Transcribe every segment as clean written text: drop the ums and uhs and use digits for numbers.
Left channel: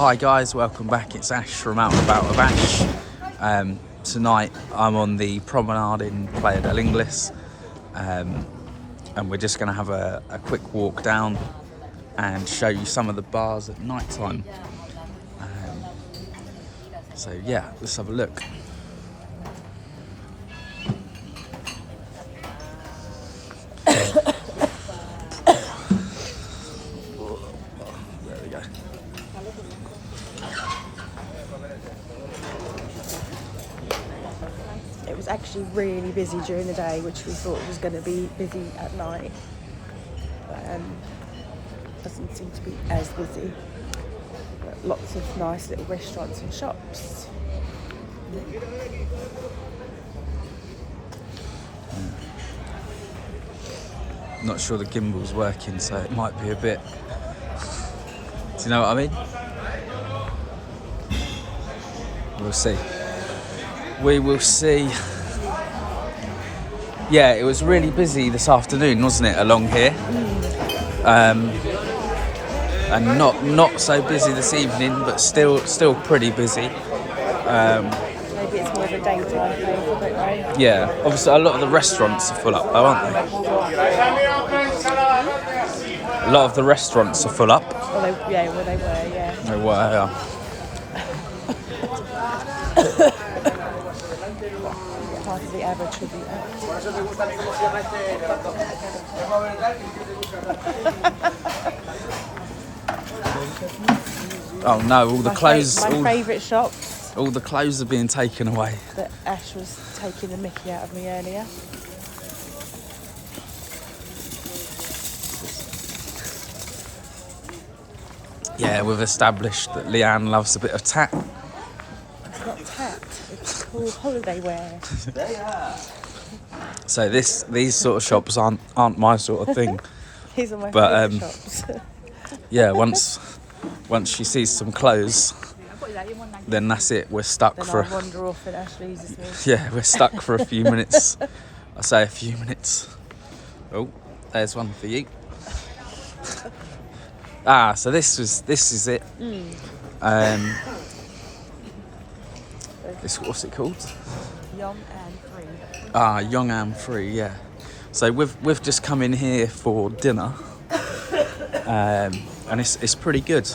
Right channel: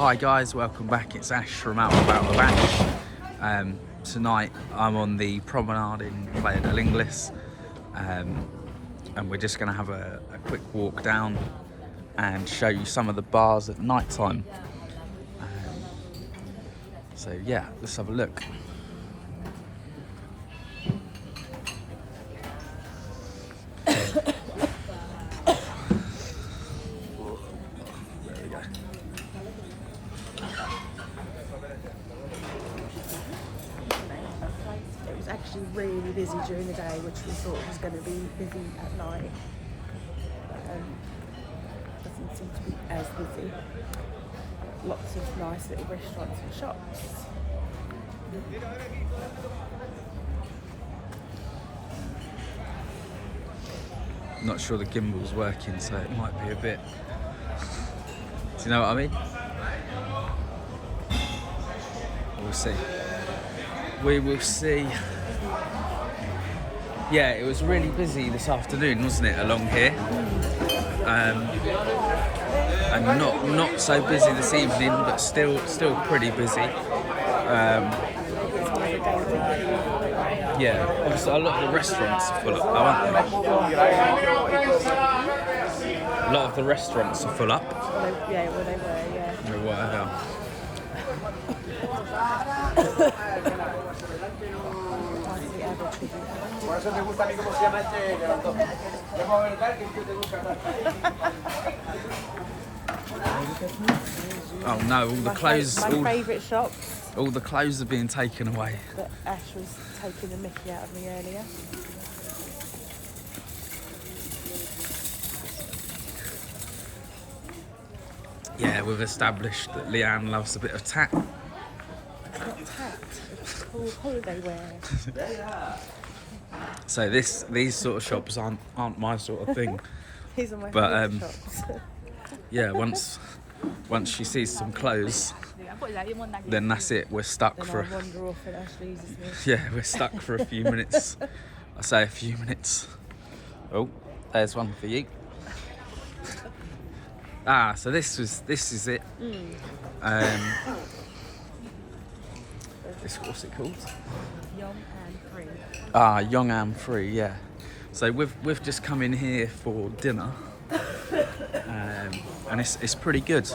Hi guys, welcome back. It's Ash from Out and About with Ash. Tonight I'm on the Promenade in Playa del Ingles, and we're just going to have a quick walk down and show you some of the bars at night time. So yeah, let's have a look. There we go. It was actually really busy during the day, which we thought was going to be busy at night. Doesn't seem to be as busy. But lots of nice little restaurants and shops. Not sure the gimbal's working, so it might be a bit... Do you know what I mean? We'll see. We will see. Yeah, it was really busy this afternoon, wasn't it, along here? And not so busy this evening, but still pretty busy. Maybe it's more of a daytime thing. Yeah, obviously a lot of the restaurants are full up though, aren't they? A lot of the restaurants are full up. Well, they were, yeah. They were, Part of the average would be Oh no, all the clothes, My favourite shops. all the clothes are being taken away. That Ash was taking the mickey out of me earlier. Yeah, we've established that Leanne loves a bit of tat. It's not tat, it's called holiday wear. So these sort of shops aren't my sort of thing. These are my But, favourite shops. Yeah, once she sees some clothes, then that's it. We're stuck Then for. I'll wander off and Ash loses me. Yeah, we're stuck for a few minutes. I say a few minutes. Oh, there's one for you. So this is it. What's it called? Yong and free. Yong and free. Yeah. So we've just come in here for dinner, and it's pretty good.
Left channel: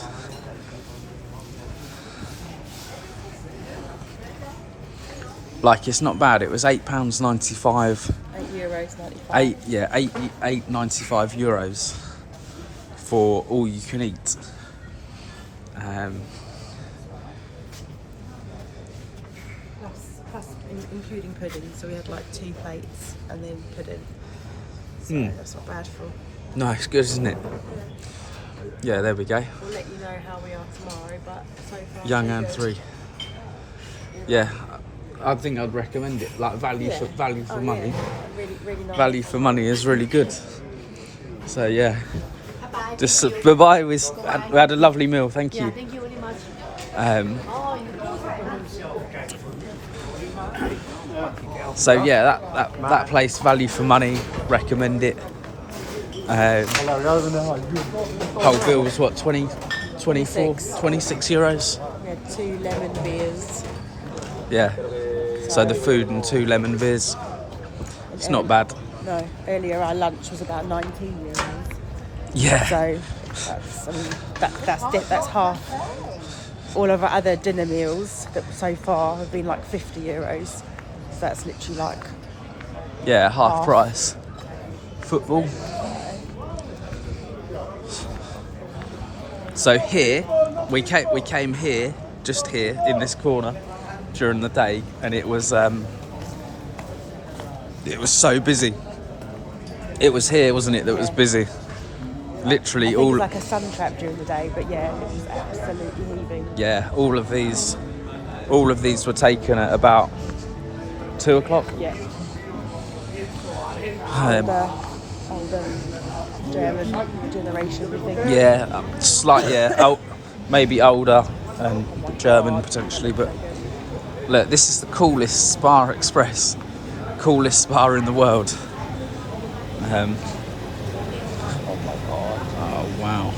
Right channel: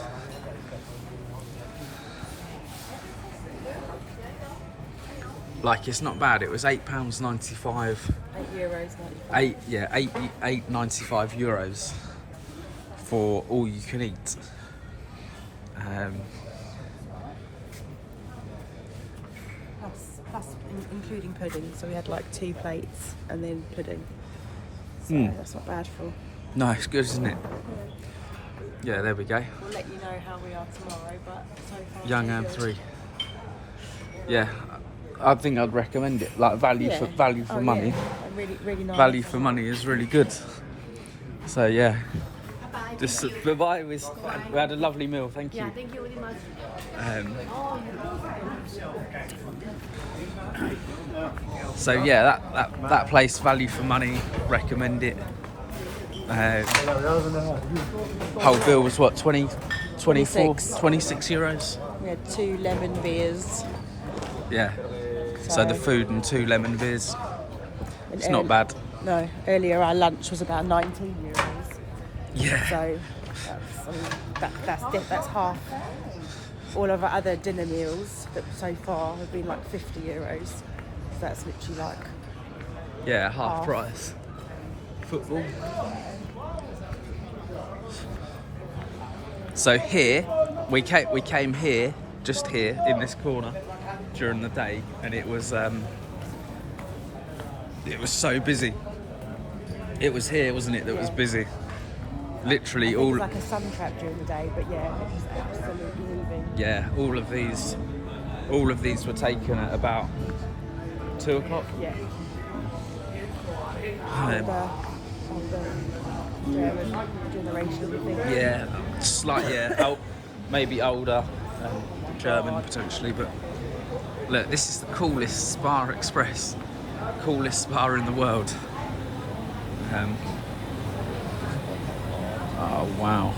Like, it's not bad. It was £8.95. €8.95. €8.95 for all you can eat. Plus including pudding, so we had like 2 plates and then pudding. So that's not bad for. No, it's good, isn't it? Yeah, there we go. We'll let you know how we are tomorrow, but so far. Young so and good. free. Yeah, I think I'd recommend it. Like value for money. Yeah. Really nice. Value for money is really good. So yeah, just bye-bye. We had a lovely meal. Thank you. Thank you very much. So yeah, that place, value for money, recommend it. Whole bill was what, 26 euros? We had 2 lemon beers. Yeah. So the food and 2 lemon beers. It's not bad. No, earlier our lunch was about €19. Yeah. So that's half. All of our other dinner meals that so far have been like €50. So that's literally like Yeah, half price. Football. So here, we came here, just here in this corner during the day, and it was so busy. It was here, wasn't it, that was busy. Literally it all. was like a sun trap during the day, but yeah, it was absolutely heaving. Yeah, all of these were taken at about 2 o'clock. Yeah. Um, Older German generation, I think. Yeah, maybe older and German potentially, but look, this is the coolest spa express, coolest spa in the world. Oh wow.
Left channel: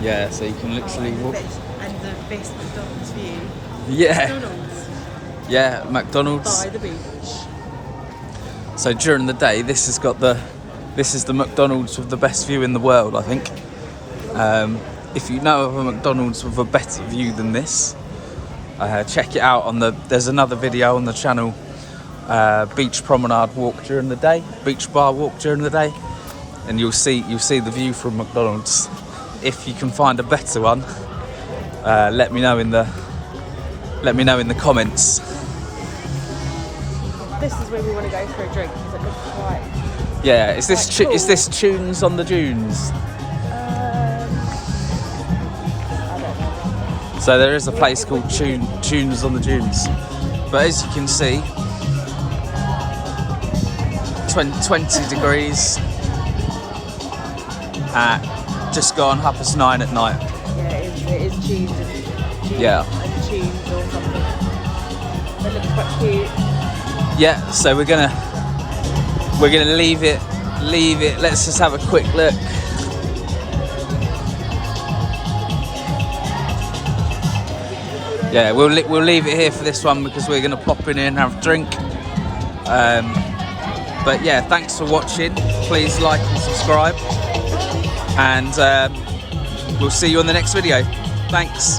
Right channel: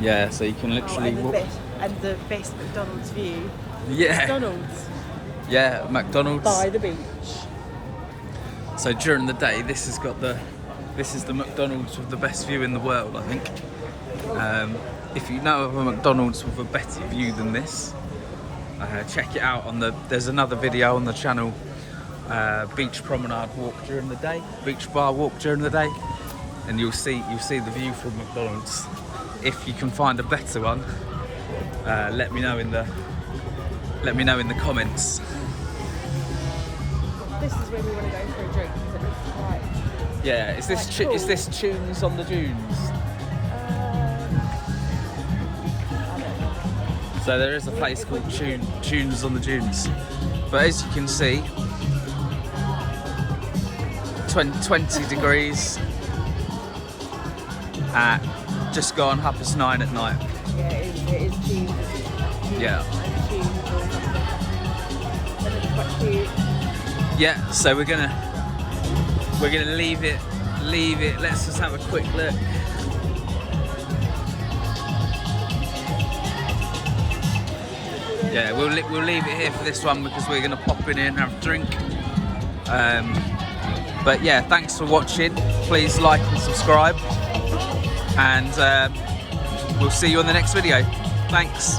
Yeah, so you can literally walk. And the best McDonald's view. Yeah, McDonald's yeah, McDonald's. by the beach. So during the day, this is the McDonald's with the best view in the world, I think. If you know of a McDonald's with a better view than this, check it out on there's another video on the channel, beach promenade walk during the day, beach bar walk during the day, and you'll see the view from McDonald's. If you can find a better one, let me know in the comments. This is where we want to go for a drink. Because it looks like Yeah, is this Tunes on the Dunes? So there is a place called Tunes on the Dunes, but as you can see, 20 degrees at just gone 9:30 at night. yeah, it is cheese. Yeah. Cheese. It looks quite cute. Yeah, so we're gonna leave it. Let's just have a quick look. Yeah, we'll leave it here for this one because we're gonna pop in here and have a drink. But yeah, thanks for watching. Please like and subscribe, and we'll see you on the next video. Thanks.